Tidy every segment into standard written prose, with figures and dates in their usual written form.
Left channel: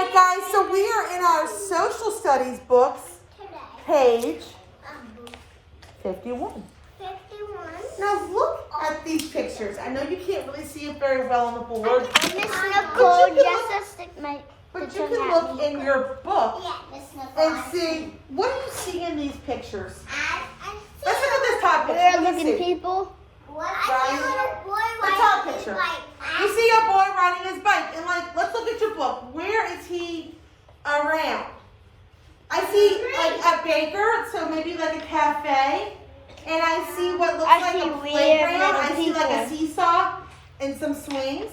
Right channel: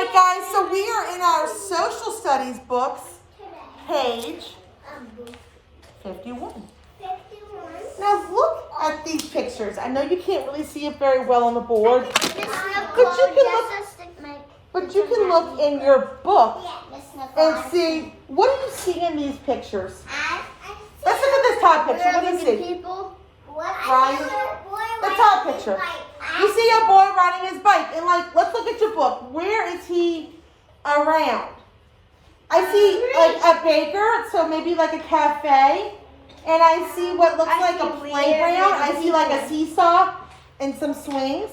right, guys, so we are in our social studies books, page 51. Now look at these pictures. I know you can't really see it very well on the board, but you can look in your book and see, what do you see in these pictures? Let's look at this top picture. What do you see? People. Ryan, the top picture. You see a boy riding his bike, and let's look at your book. Where is he around? I see like a baker, so maybe like a cafe, and I see what looks like a playground. I see like a seesaw and some swings.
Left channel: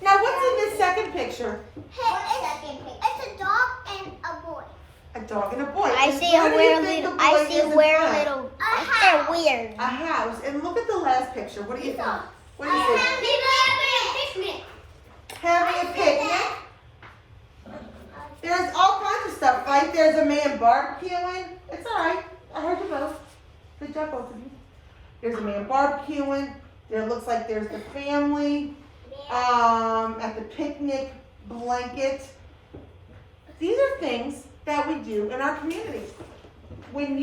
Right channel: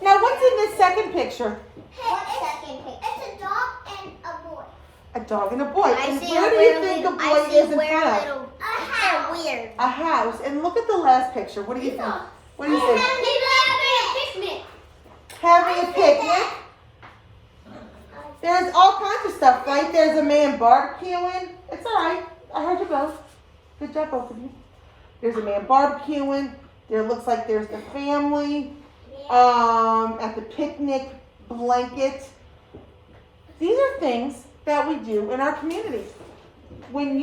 Now, what's in this second picture? It's a dog and a boy. A dog and a boy. I And see where do you think the boy is in front? They're weird. A house. And look at the last picture. What do you think? What do you think? Having a picnic. There's all kinds of stuff, right? There's a man barbecuing. It's all right. I heard you both. Good job, both of you. There's a man barbecuing. There looks like there's the family at the picnic blanket. These are things that we do in our community. When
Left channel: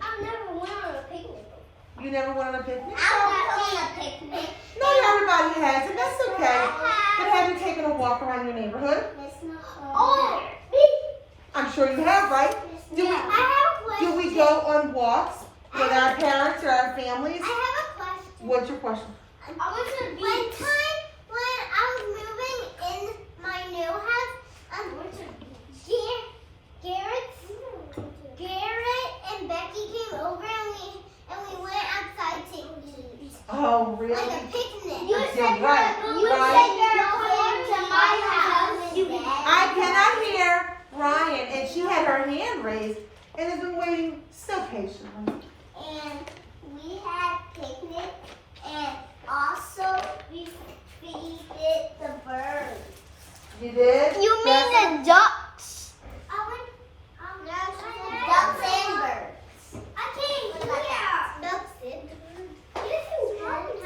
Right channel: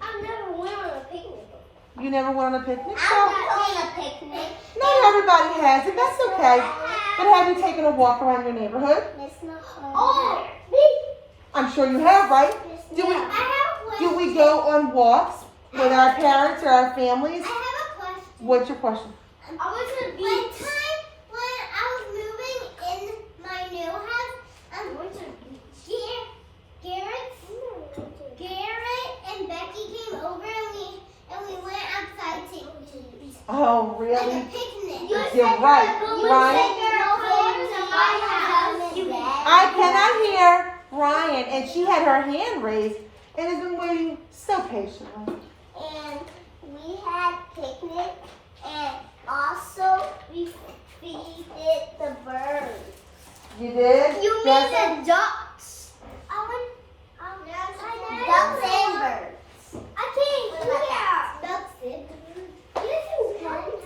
I've never went on a picnic. you never went on a picnic? I've never went on a picnic. Not everybody has it. That's okay. But have you taken a walk around your neighborhood? Oh, me. I'm sure you have, right? I have a question. Do we go on walks with our parents or our families? I have a question. What's your question? I was at the beach. One time when I was moving in my new house, Garrett and Becky came over and we went outside to eat. Oh, really? Like a picnic. You're right. I cannot hear Ryan, and she had her hand raised and has been waiting so patiently. And we had picnic, and also we feeded the birds. You did? You mean the ducks? Ducks and birds. I can't hear. Ducks and birds.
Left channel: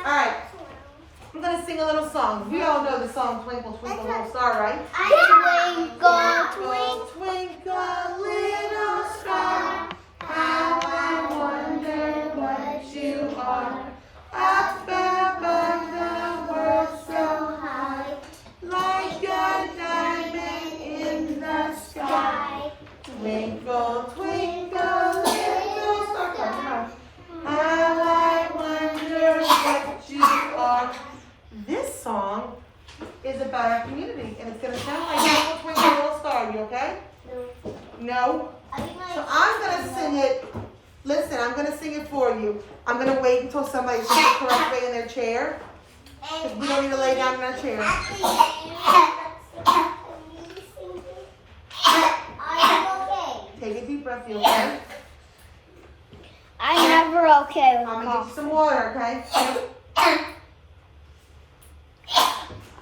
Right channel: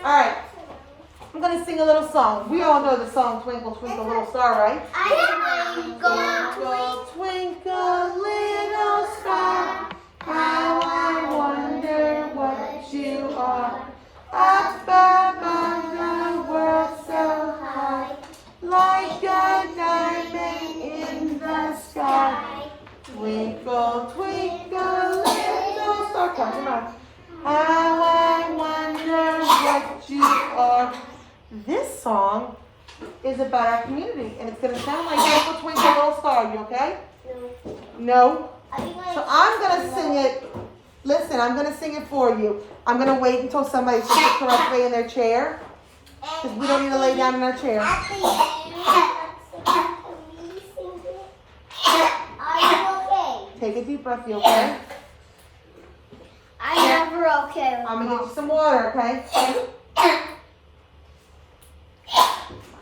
All right. I'm going to sing a little song. We all know the song Twinkle, Twinkle, Little Star, right? Twinkle, twinkle, little star, how I wonder what you are. Up above the world so high, like a diamond in the sky. Twinkle, twinkle, little star, come on. How I wonder what you are. This song is about our community, and it's going to sound like Twinkle, Twinkle, Little Star. You okay? No? So I'm going to sing it. Listen, I'm going to sing it for you. I'm going to wait until somebody sings it correctly in their chair, because we don't need to lay down in our chair. Take a deep breath, you okay? I'm never okay with I'm going to get you some water, okay?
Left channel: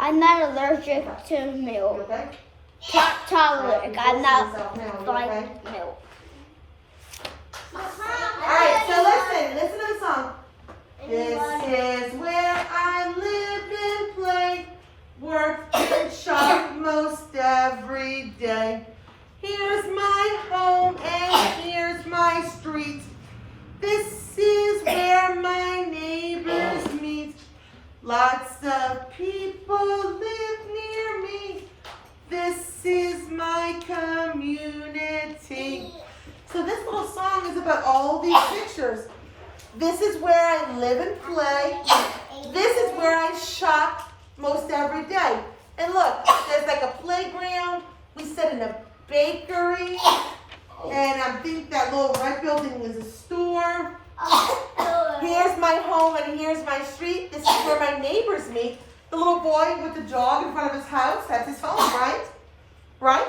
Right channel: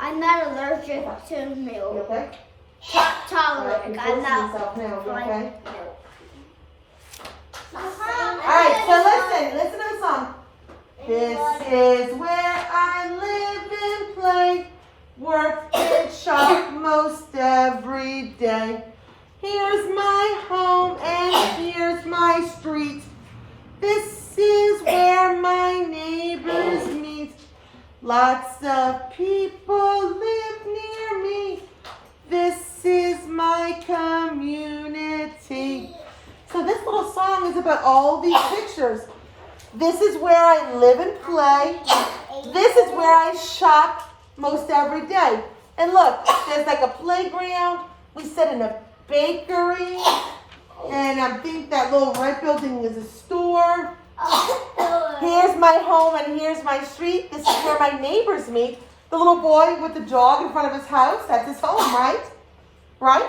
I'm not allergic to You milk. okay? Tolerant. I'm not Now, fine okay? with milk. Alright, so listen to the song. This is where I live and play, work and shop most every day. Here's my home and here's my street. This is where my neighbors meet. Lots of people live near me. This is my community. So this little song is about all these pictures. This is where I live and play. This is where I shop most every day. And look, there's like a playground. We sit in a bakery. And I think that little red building is a store. Here's my home and here's my street. This is where my neighbors meet. The little boy with the dog in front of his house, that's his home, right? Right?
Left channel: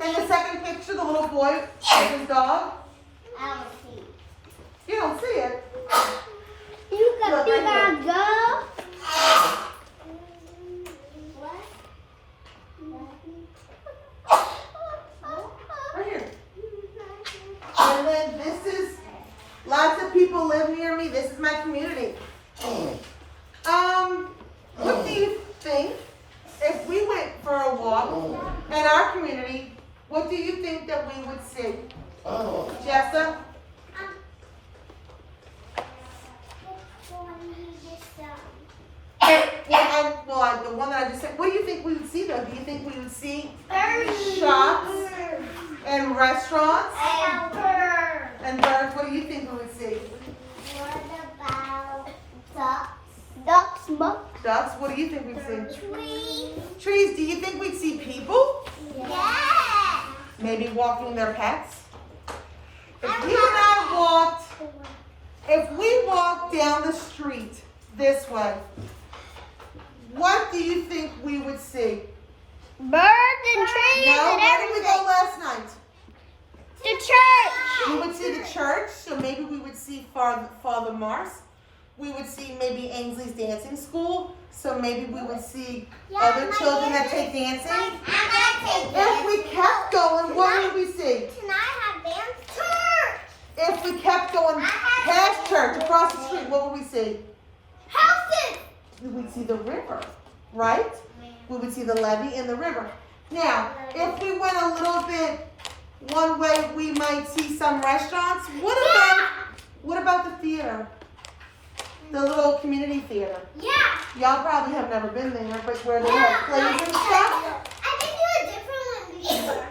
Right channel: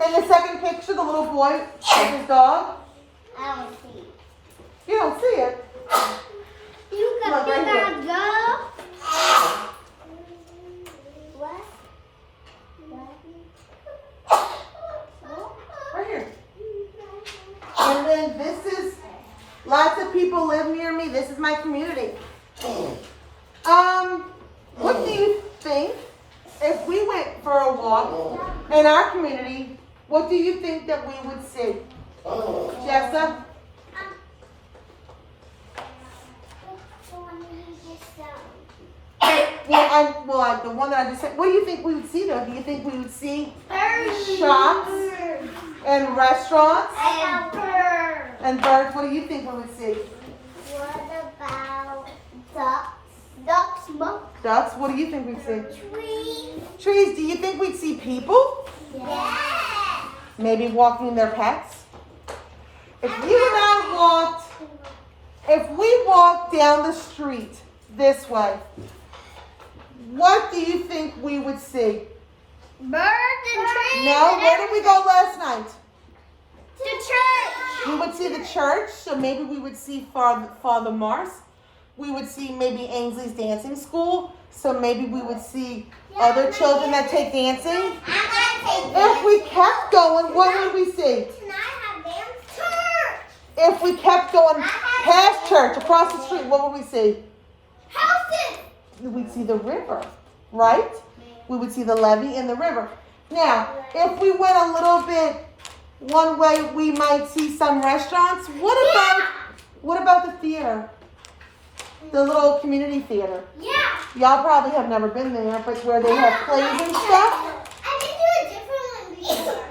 And the second picture, the little boy with his dog. I don't see. You don't see it. You Look, right here. gotta go. Right here. And then this is, lots of people live near me. This is my community. What do you think if we went for a walk walk in our community, what do you think that we would see? Jessa? Well, the one that I just said, what do you think we would see though? Do you think we would see shops and restaurants and birds? What do you think we would see? What about ducks? Ducks? What do you think we'd see? Trees. Trees. Do you think we'd see people? Yeah. Maybe walking their pets? If we walked down the street this way, what do you think we would see? Birds and trees. No, and where did we go last night? The church. We would see the church, so maybe we would see Father Mars. We would see maybe Ainsley's dancing school, so maybe we would see other children that take dancing. If we kept going, what would we see? Can I have dance? Church. If we kept going past church, across the street, what would we see? Houses. We'd see the river, right? We would see the levee and the river. Now, if we went a little bit one way, we might see some restaurants. What about the theater? The little community theater. Yeah. Y'all probably have never been there, but where they have plays and stuff. I think it was different one before.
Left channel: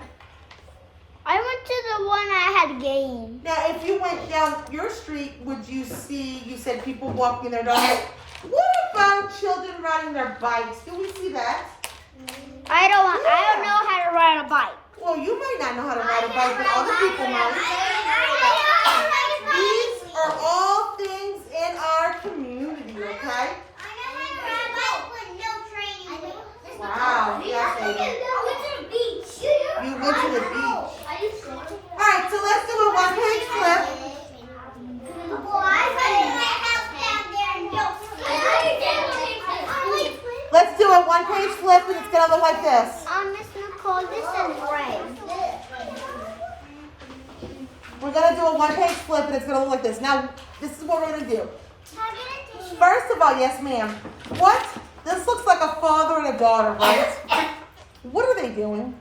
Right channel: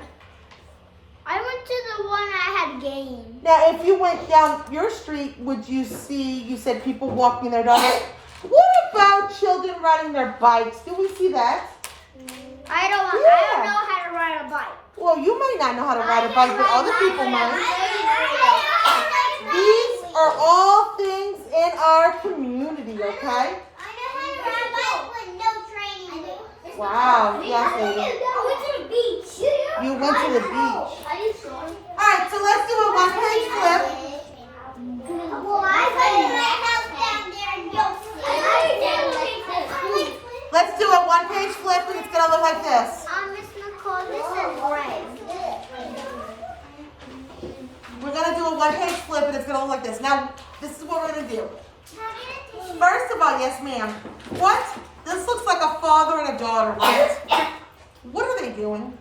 I went to the one I had games. Now, if you went down your street, would you see, you said people walking their dogs. What about children riding their bikes? Do we see that? I don't know how to ride a bike. Well, you might not know how to ride a bike, but other people might. I These are all things in our community, okay? Wow, yes, baby. You went to the beach. All right, so let's do a one-page flip. Let's do a one-page flip, and it's gonna look like this. Miss Nicole, this is right. We're gonna do a one-page flip, and it's gonna look like this. Now, this is what we're gonna do. First of all, yes, ma'am. What? This looks like a father and a daughter, right? What are they doing?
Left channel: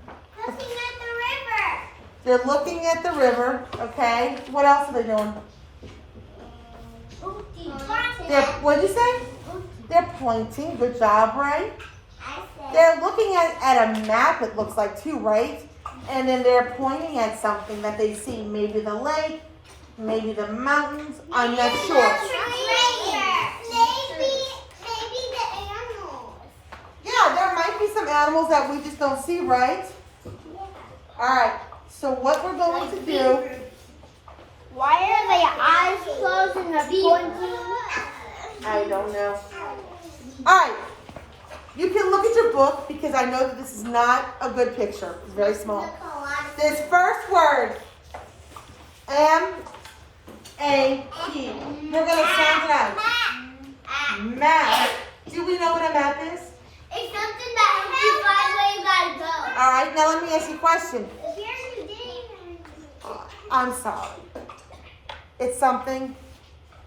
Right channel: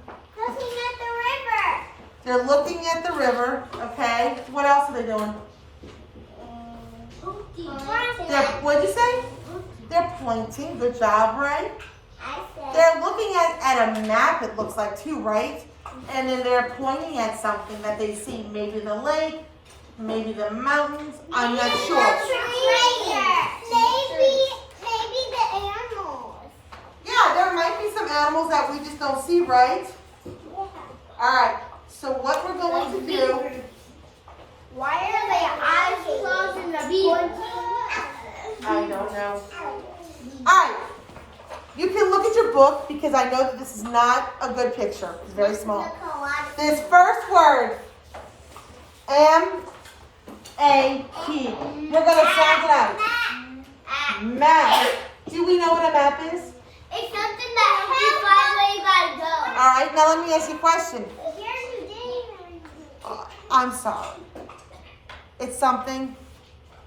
They're looking at the river, okay? What else are they doing? What'd you say? They're pointing. Good job, Ray. They're looking at a map, it looks like, too, right? And then they're pointing at something that they see. Maybe the lake, maybe the mountains. I'm not sure. Maybe the animals. Yeah, there might be some animals that we just don't see, right? All right. So what we're going to do... Why are their eyes closed and the pointing? I don't know. All right. You can look at your book because I know that this is not a good picture. It's very small. This first word, M-A-P. We're going to sound it out. Map. Do we know what a map is? It's something that helps you find where you gotta go. All right. Now let me ask you a question. I'm sorry. It's something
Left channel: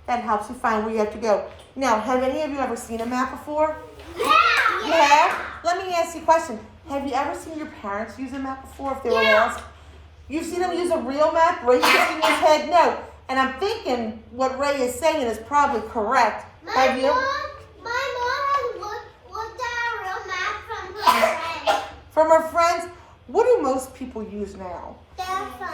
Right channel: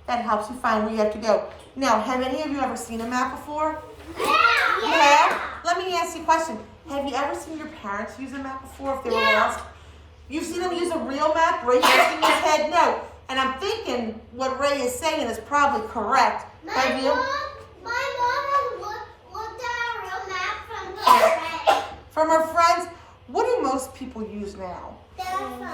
that helps you find where you have to go. Now, have any of you ever seen a map before? Yeah. Let me ask you a question. Have you ever seen your parents use a map before if they were lost? You've seen them use a real map? Ray's shaking his head no. And I'm thinking what Ray is saying is probably correct. Have you? My mom has looked at a real map from her friend. From her friends? What do most people use now? Their phone.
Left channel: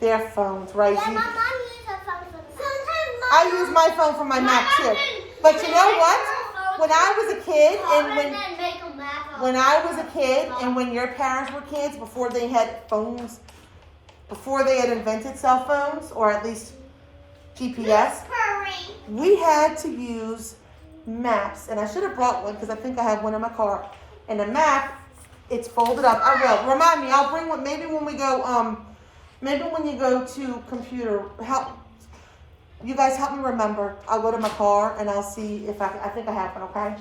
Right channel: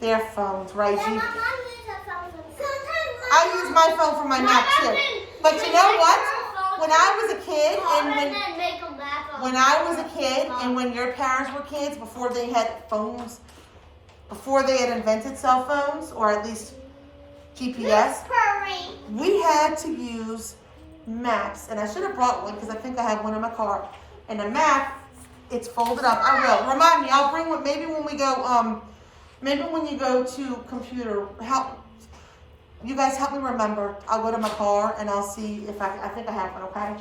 Their phones, right? Yeah, my mom uses her phone. Sometimes I use my phone for my map too. But you know what? When I was a kid and when your parents were kids, before they had phones, before they had invented cell phones, or at least GPS, we had to use maps. And I should have brought one because I think I have one in my car. And the map, it's folded up. I will. Remind me, I'll bring one maybe when we go, maybe when you go to computer, you guys help me remember. I'll go to my car and I'll see if I think I have one, okay?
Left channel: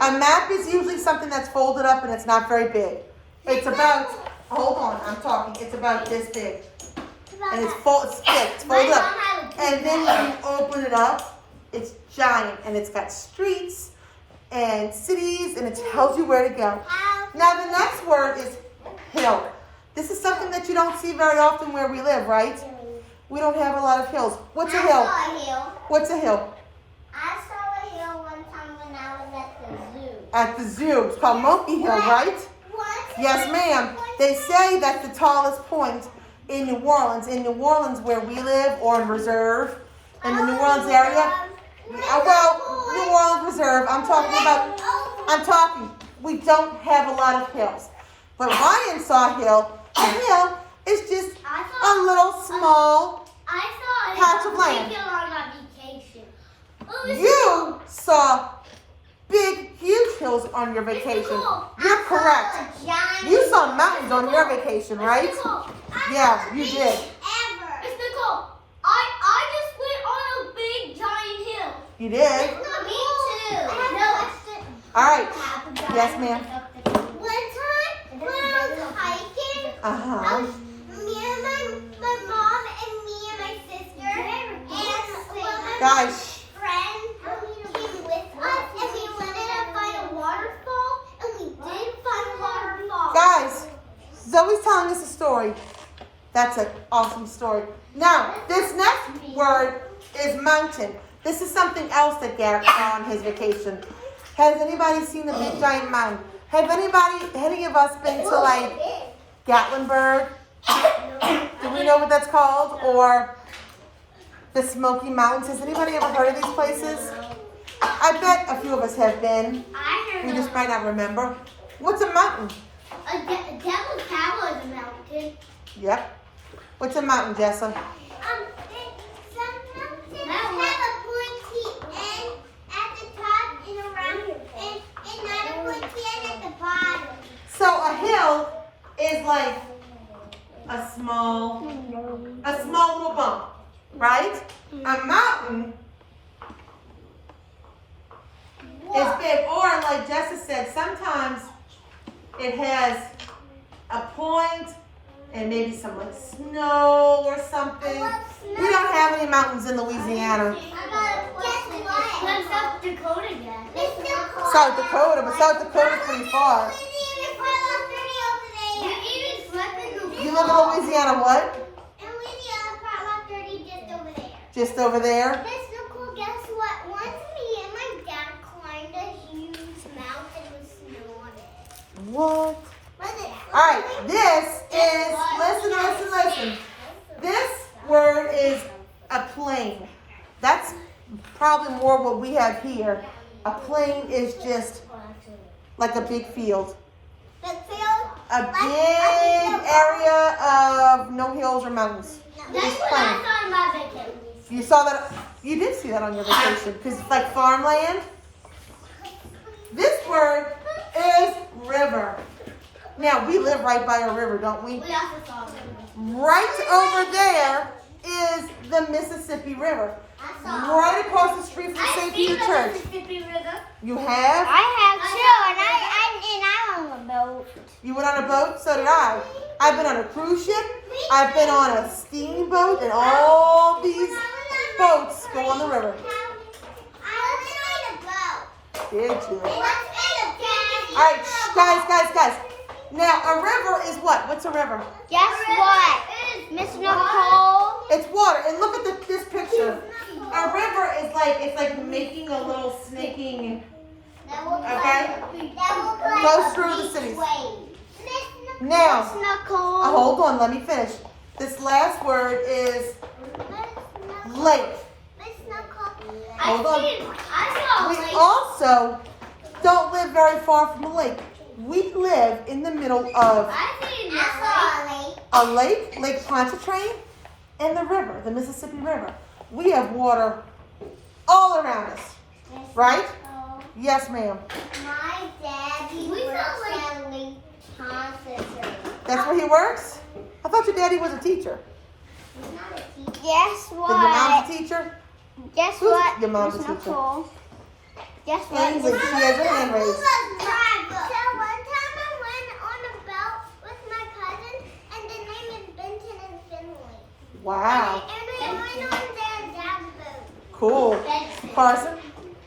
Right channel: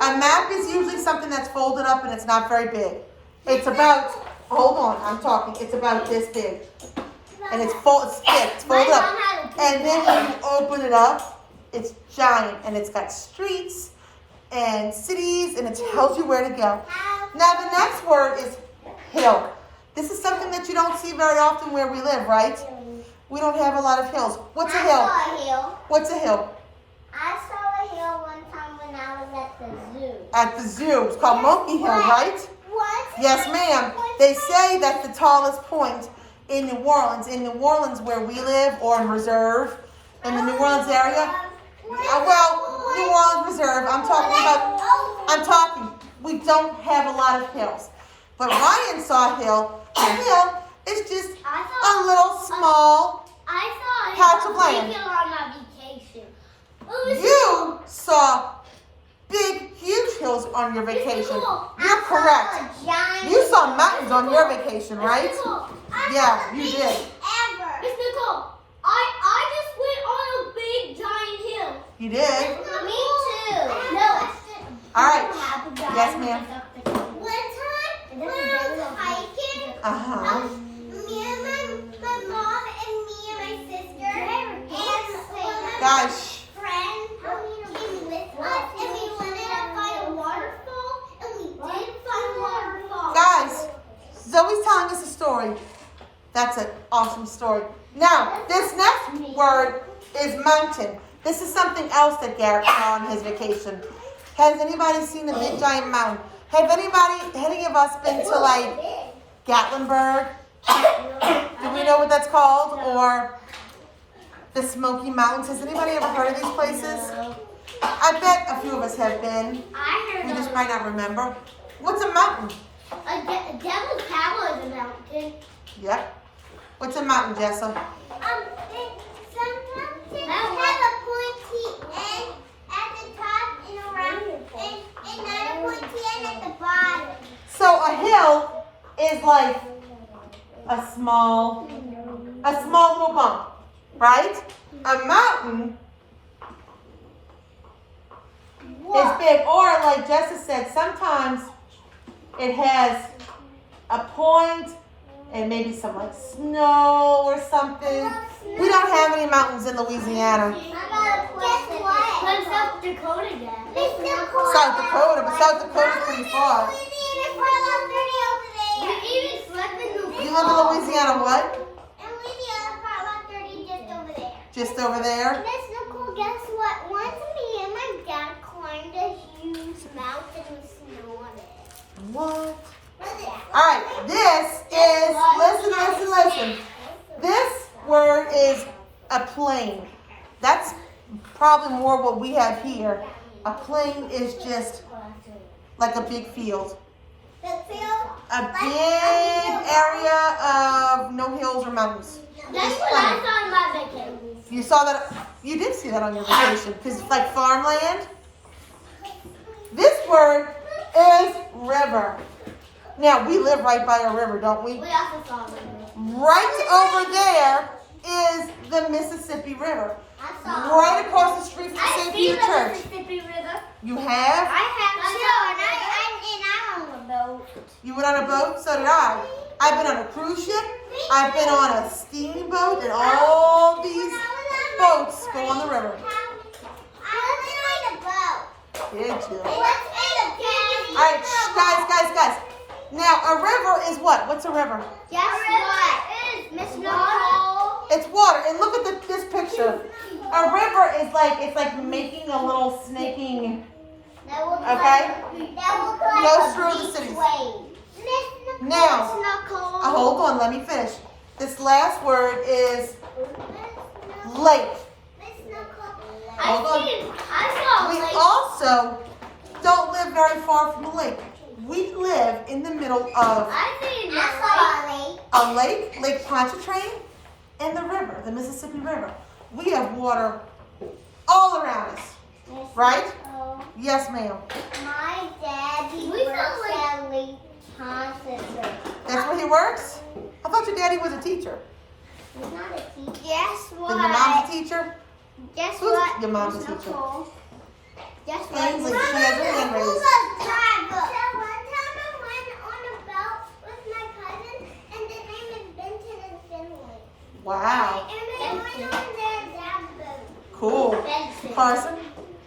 A map is usually something that's folded up and it's not very big. It's about, hold on, I'm talking. It's about this big. And it's thick, it's folded up. And then when you open it up, it's giant and it's got streets and cities and it tells you where to go. Now the next word is hill. This is something that you don't see very often where we live, right? We don't have a lot of hills. What's a hill? I saw a hill. What's a hill? I saw a hill one time when I was at the zoo. At the zoo. It's called Monkey Hill, right? What? Yes, ma'am. They say that's the tallest point in New Orleans. In New Orleans, where we live, or in Reserve, in the New Orleans area. Well, New Orleans Reserve. I'm talking. We don't have a lot of hills. But Ryan saw a hill. A hill is just a little small patch of land. You saw big, huge hills on your vacation. You're correct. You saw mountains on your vacation, right? Yeah, you did. Miss Nicole, I just went on a big giant hill. You did. Me too. No, All right. Yes, ma'am. One time when I was hiking, Uh-huh. me and my mom and me and my sister and one of my Guys, friends came with us and we wanted to find a waterfall and we did find a waterfall. guys, Zoe's telling us a story. That's an awesome story. Now, this next word is mountain. This is something else that Garrett saw on his vacation. Has anybody seen the big giant mountain? Have any of us been to like Gatlinburg? Do we know what that's called? Or the Smoky Mountains? Has anybody ever heard of these places? I bet a few of us have been. I We heard just might not remember. What's a mountain? a devil's tower is a mountain. Yep. What's a mountain, Jessa? Some mountains have a pointy end at the top and around, and not a pointy end at the bottom. So a hill is like a small little bump, right? A mountain is big, or like Jessa said, sometimes it has a point and maybe some like snow or something. We don't have any mountains in Louisiana. Guess what? Then South Dakota does. South Dakota, but South Dakota's pretty far. You live in Louisiana, what? Just over there? Miss Nicole, guess what? Once me and my dad climbed a huge mountain with snow on it. What? Alright, this is, listen. This word is a plain. That's probably more what we have here. A plain is just like a big field. A big area of no hills or mountains. That's Just what plain. I thought about vacation. You saw that, you did see that on your vacation, because it's like farmland. This word is river. Now, we live right by a river, don't we? We also saw it. Right over there is the Mississippi River. Right across the street from St. Peter Church. Mississippi River. You have? I have too, and I'm on the boat. You went on a boat? So did I. I've been on a cruise ship. I've been on a steamboat, and all these boats go on the river. I was on a boat. Did you? Let's make a big. All right, guys. Now, a river is what? What's a river? Guess what? Miss Nicole. It's water. And look at this picture. A river is like, it's like making a little snaking, okay? Goes through the cities. Now, hold on, let me finish. This last word is lake. Hold on. We also don't live very far from the lake. We live in the middle of a lake, Lake Pontchartrain, and the river, the Mississippi River. We have water all around us, right? Yes, ma'am. My daddy works at Lake Pontchartrain. That's where he works? I thought your daddy was a teacher. He's not a teacher. Guess what? Then your mom's a teacher? Guess Who's what? your mom's a Miss teacher? Nicole? Guess what? English. She has her hand raised. So one time I went on a boat with my cousin, and the name is Benton and Finley. Wow. And we went on their dad's boat. Cool. Carson,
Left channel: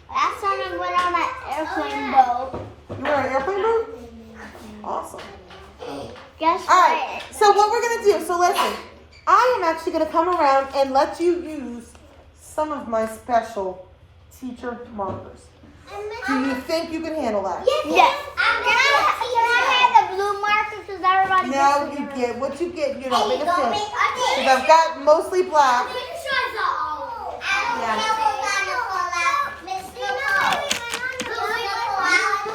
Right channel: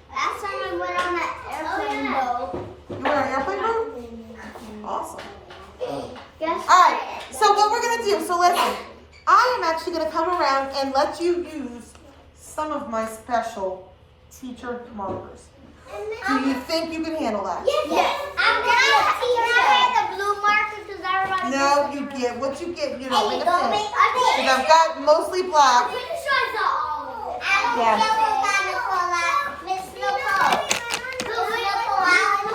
Last time I went on an airplane boat. you were on an airplane boat? awesome. Guess All right, so what we're going to do, so listen. I am actually going to come around and let you use some of my special teacher markers. Do you think you can handle that? Yes. I'm gonna have the blue marker because everybody. No, you get what you get. You're not going to fit. Okay. Because I've got mostly black. Yeah.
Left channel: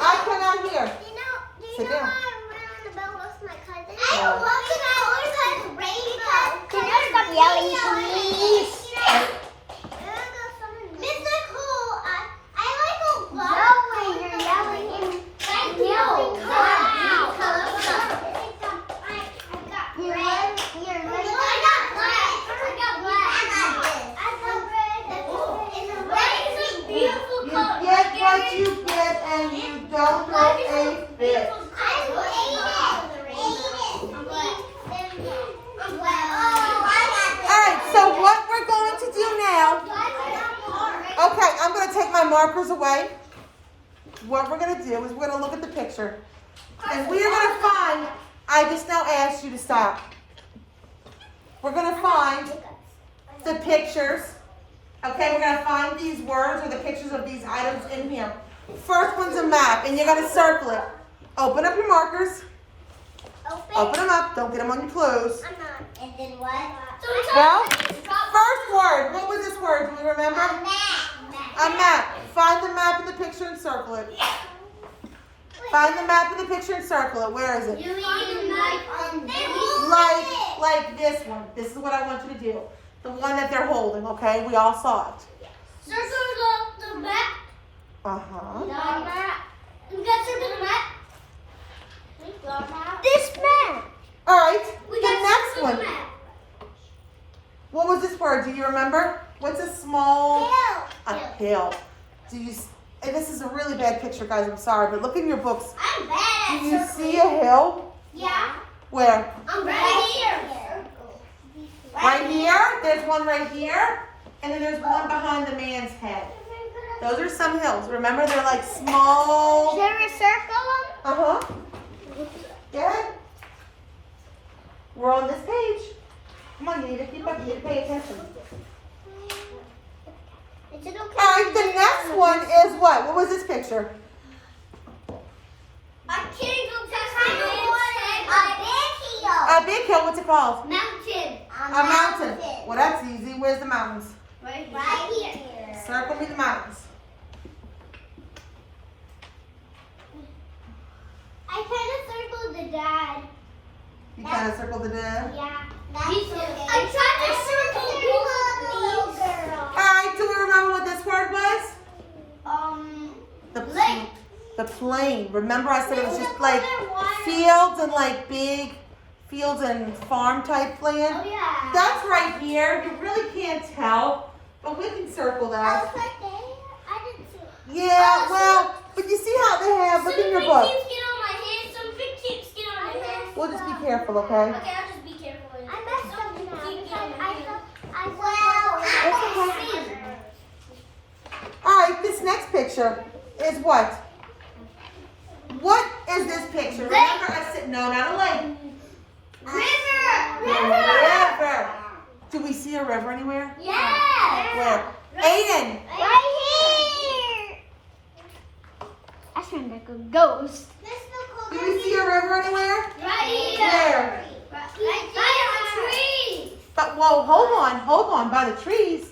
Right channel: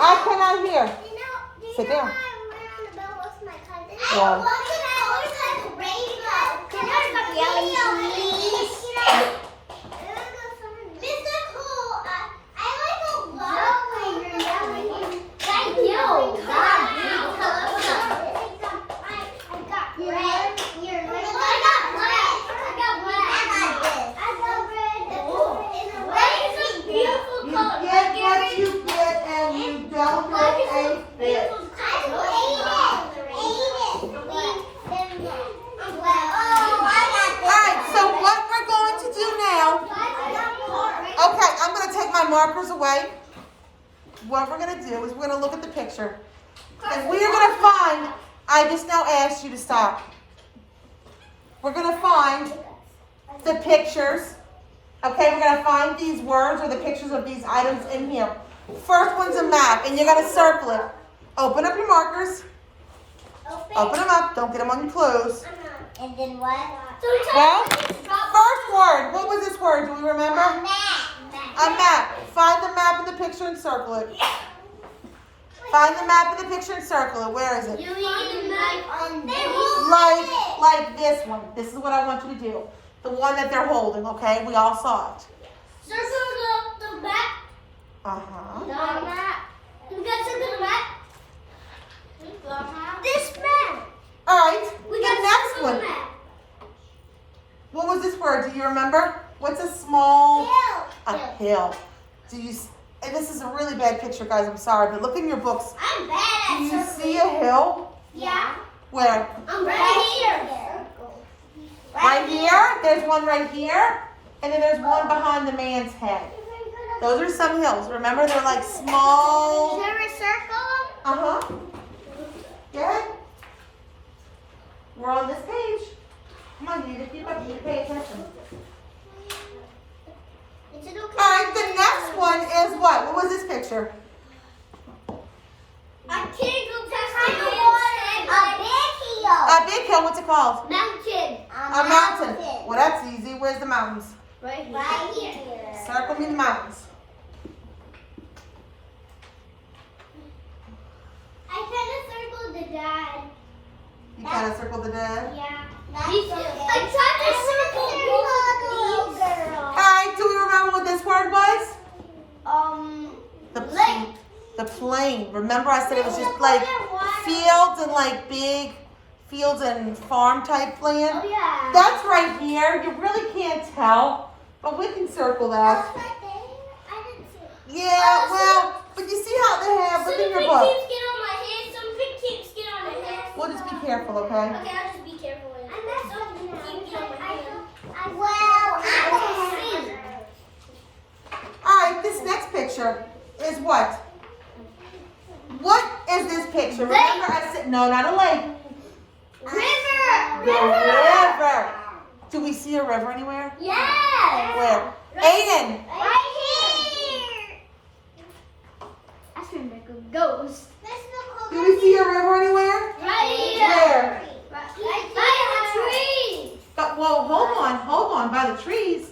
I cannot hear. Sit down. Yeah. Can you stop yelling, please? You get what you get and you don't know a fit. Alright, so what we're going to do now, okay, I'm going to take my markers away. What we're going to do is we're going to look at the picture. And we are going to find, I just now asked you to stop. We're going to find the pictures. Okay, we're going to find these words or the pictures of these items in here. First one's a map, and you're going to circle it. Open up your markers. Open them up. Don't get them on your clothes. And then what? Well, first word. What was this word? Do we remember? A map. Find the map in the picture and circle it. Find the map in the picture and circle it. Where is it? Like this one. This is what I want you to do. The one that they're holding, okay? We all saw it. Circle the map. Uh-huh. The map. We got circle the map. This map. All right. We The got next circle one. the map. What was this word? Do you remember? What's a small... A hill. Do you... And this is a really bad picture, guys. I'm sorry, but look in your books. I'm bad Do at you circling. see a hill? Yeah. Where? I'm right here. Right here. There's one right here. And then there's one behind the man's head. Those are some hills. Remember, they're like small... Should we circle them? Uh-huh. Good. We're on this page. Come on, you need to keep up. You need to pay attention. Is it okay? All right, the next one is what? What was this picture? I can't go past A big hill. What's it called? mountain. A mountain. Well, that's easy. Where's the mountains? Right here. Right here. Circle me the mountains. I kind of circled the dad. You kind of circle the dead. Yeah. I tried to circle the little girl. All right, do we remember what this word was? The Lake. The plain. Remember I said it was just like fields and like big fields and farm type land? Oh yeah. That's right here. You really can't tell, but we can circle that. Yeah, well, but you see how they have, look in your book. Some keeps on my hand, some keeps on my hand. We'll just be careful, okay? Okay, I'll just be careful. All right, this next picture is what? What is this picture? Remember I said, no, not a lake. River! A river. Do we see a river anywhere? Yeah! Where? Aiden. Right here! That's where Nico goes. Do we see a river anywhere? Right here! Where? Right here! But, whoa, hold on, by the trees.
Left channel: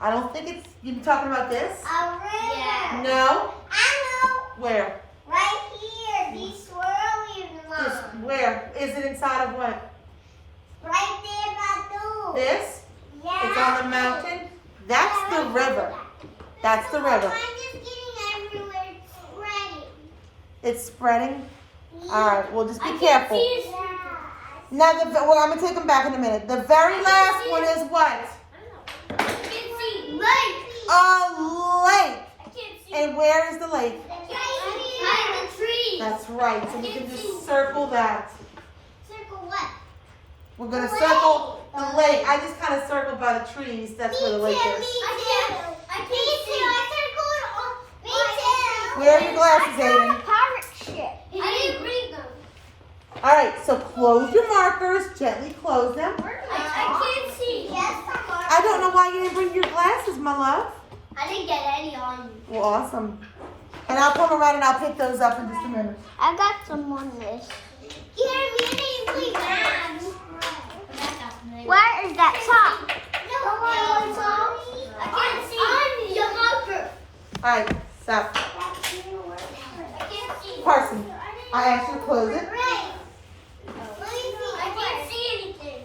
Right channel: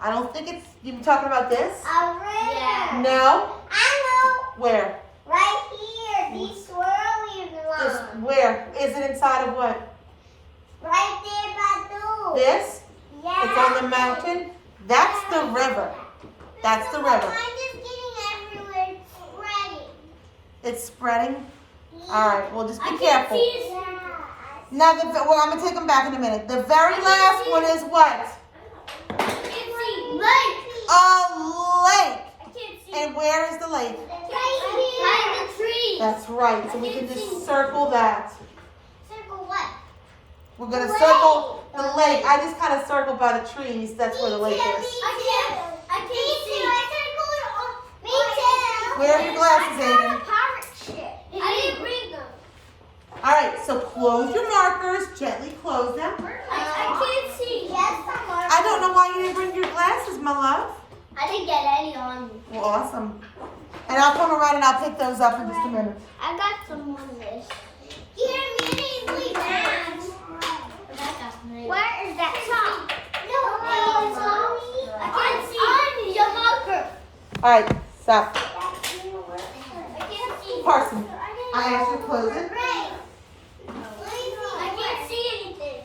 I don't think it's, you talking about this? A river. No. I know. Where? Right here. These swirlies This, along. where? Is it inside of what? Right there by those. This? Yeah. It's on the mountain? That's the river. That's the river. Mine is getting everywhere. It's spreading. It's spreading? All right, well, just be I can't careful. see it. Now, well, I'm going to take them back in a minute. The very last one is what? I can't see. Lake! A lake. I can't see. And where is the lake? Right in the tree. That's right, so we can just circle that. Circle what? We're going to circle the lake. I just kind of circled by the trees. That's where the lake is. I can't see. Me too. Where are your glasses, Aiden? Pirate shit. I didn't bring them. All right, so close your markers, gently close them. I can't see. Yes, I don't know why you didn't bring your glasses, my love. I didn't get any on me. Well, awesome. And I'll come around and I'll pick those up in just a minute. I got some on this. Here, me and Ainsley bags. Where is that top? No, I can't see your marker. All right, stop. I can't see. Carson, I asked you to close it. Right. I can't see anything.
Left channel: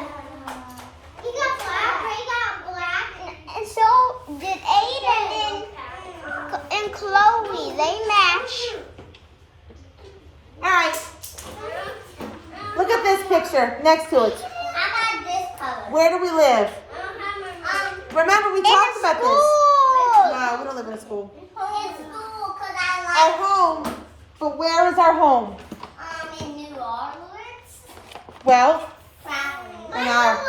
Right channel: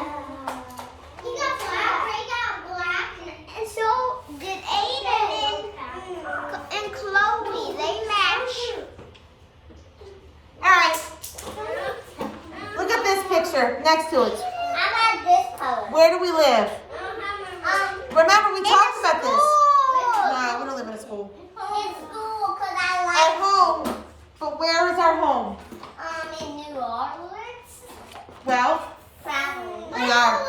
He got black, Ray got black. And so did Aiden and Chloe. They match. All right, look at this picture next to it. I got this color. Where do we live? Remember, we talked about this. School. No, we don't live in a school. In school, cause I Our like home, but where is our home? in New Orleans. Well, Traveling. in our,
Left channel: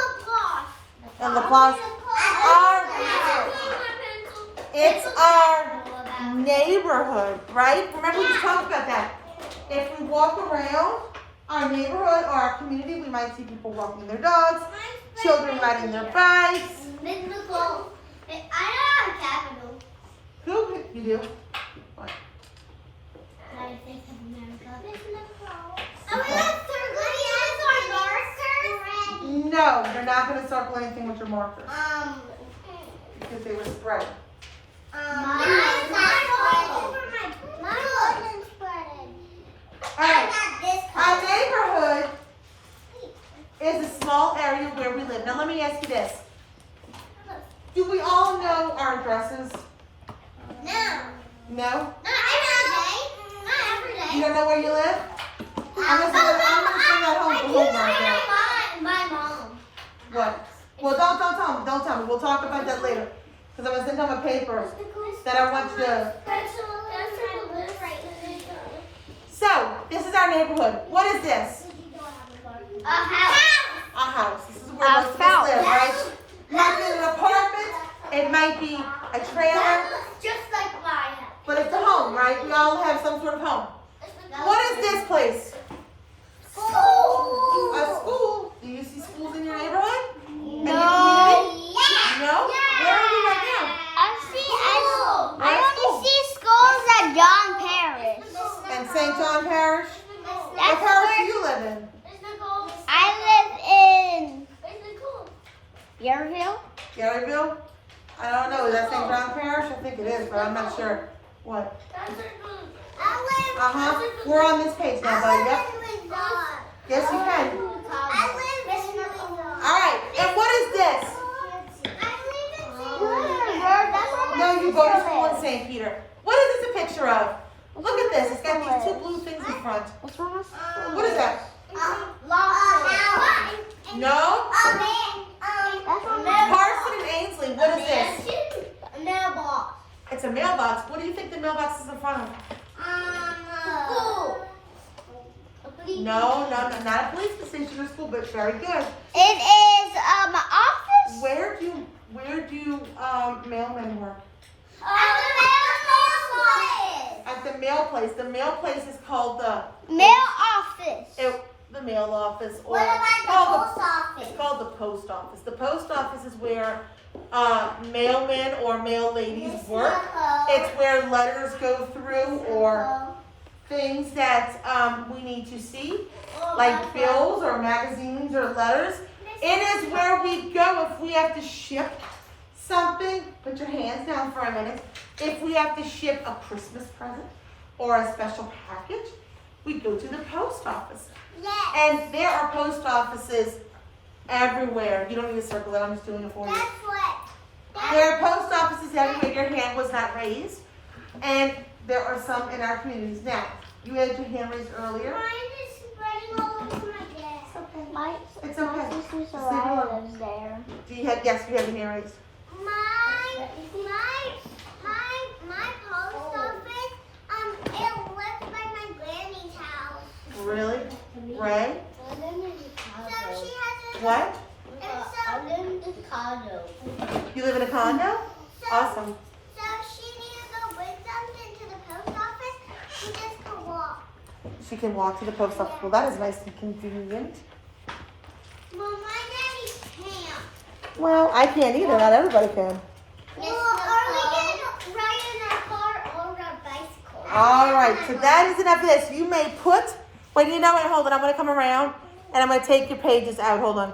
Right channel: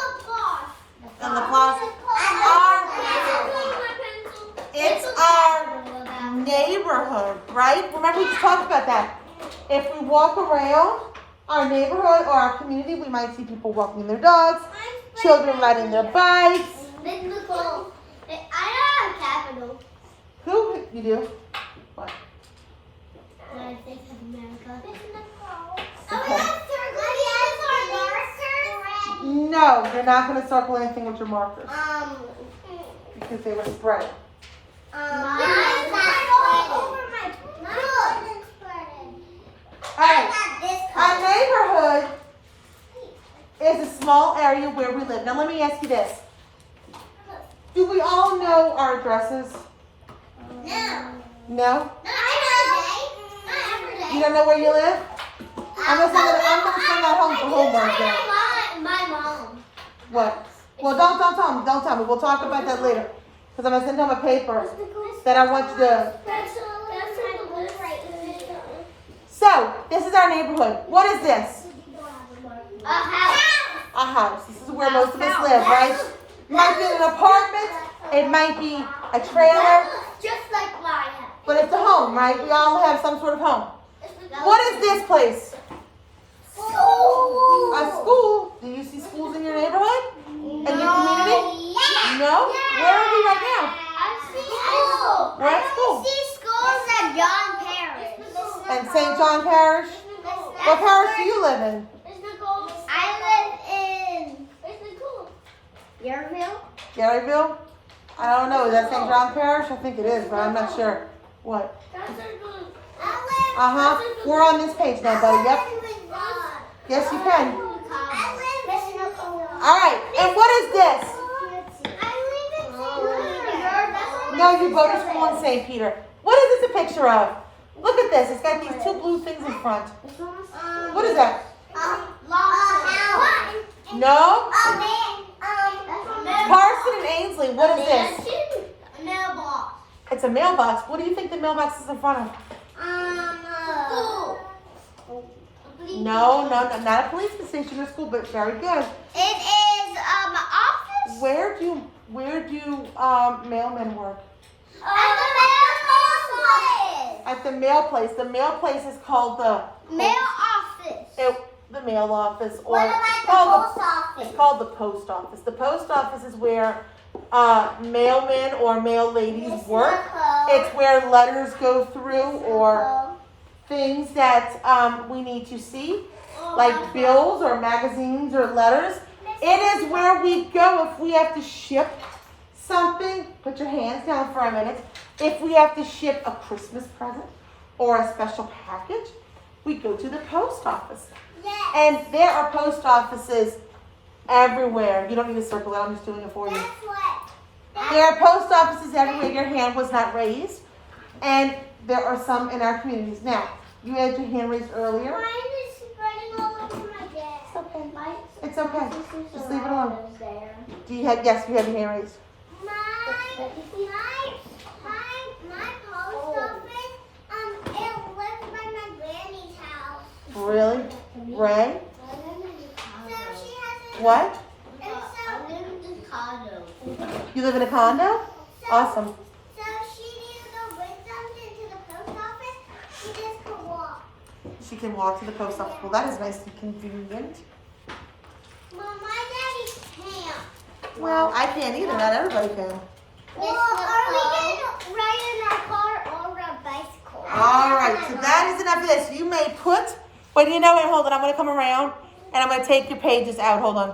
in La Plaza. It's our neighborhood, right? Remember, we just talked about that. If we walk around our neighborhood or our community, we might see people walking their dogs, children riding their bikes. Miss Nicole, I don't have capital. Who? You do? What? United States of America. Miss Nicole. Okay. No, you're not going to circle anything with your markers because they were spread. Our neighborhood is a small area where we live. Now let me ask you this. Do we all know our addresses? No? You don't know where you live? I'm gonna send that home for homework now. My mom. What? Well, don't tell me. We'll talk about that later. Because I'm gonna send him a paper that I want you to. So, this is our neighborhood. What is this? A house. A house. This is where most of us live, right? It might be an apartment. It might be a trailer. Just like my house. But it's a home, right? We all have some sort of home. What is this place? A school. Do you see schools in your neighborhood? In your community? No? Where are we right now? I only see schools at John Parish. In St. John Parish? What parish do you live in? I live in Yarville. Garyville? I don't know. Is that St. John Parish? I think it is, but I'm not sure. What? Uh-huh. We're on this page now, buddy. Yep. Yes, you can. All right. And what is this? No, you go to school in St. Peter. What is this a picture of? Look at this. It's got these two blue things in front. What is that? No? Carson and Ainsley, what is this? Mailbox. It's a mailbox. What do you think the mailbox is in front of? No, not a police station or school, but very good. It is office. Where do mailmen work? At the mail place. The mail place is called the Mail office. The mail office, or What about it's the called post office? It's called the post office. The post office is where mailmen or mail ladies work. It's where letters go through or things that we need to see, like bills or magazines or letters. It is where we go if we have to ship something. Put your hands down for a minute. If we have to ship a Christmas present or a special package, we go to the post office. And there are post offices everywhere. You don't need to circle it. I'm just doing it for you. There are post offices everywhere. Your hand was not raised. And there are some in our communities. Now, you had your hand raised earlier. It's okay. Just leave it alone. Do you have, yes, you have your hand raised. My post office, it lives by my granny's house. Really? Ray? So she has a, What? and so, You live in a condo? Awesome. so she needs to go bring something to the post office. She She can walk to the post office. Well, that is nice and convenient. Well, my daddy can't. Well, I can't either. Not everybody can. Well, are we going to ride in our car or a bicycle? All right, so that is enough of this. You may put, wait, hold on. I'm going to come around and I'm going to take your pages out. Hold on.